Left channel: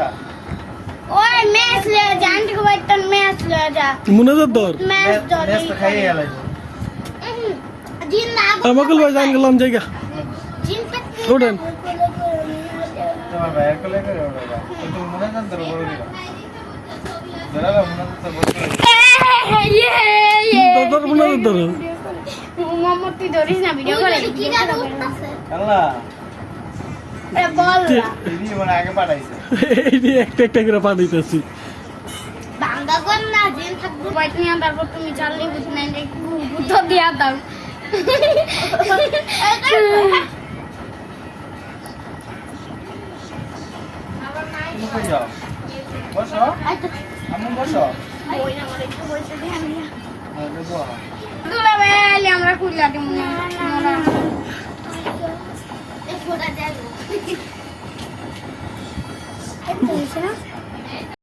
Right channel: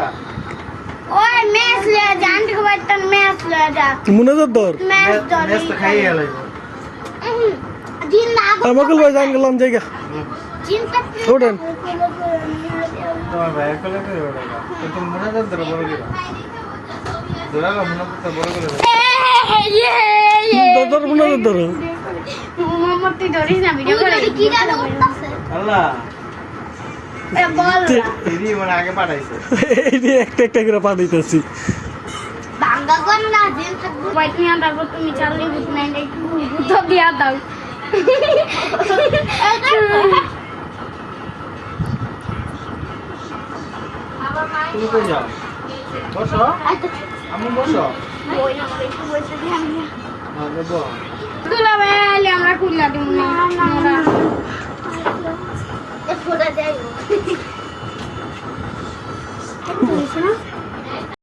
টাকা ওই মেস লে জান থেকে বাইতন মেস লে যা মনে দর মেস দর মেস তো খাই এলাই দিন না আমাকে লই যান গেলাম জায়গা দিন তো ওঠেন তোমার ভাইয়ের কোলে করে ওঠা কিন্তু মনে দর বড় দিলা দরা মনে তো বড় করে ইয়ে ইয়ে দর মনে দর মামা ধরিস না ভিডিও করে কি দাদা আল্লাহ এই একটা একটা করে পাঠাইতেছি। বসো। আমি বসো। আমরা খুললা দিব না। 爱你。还有什么？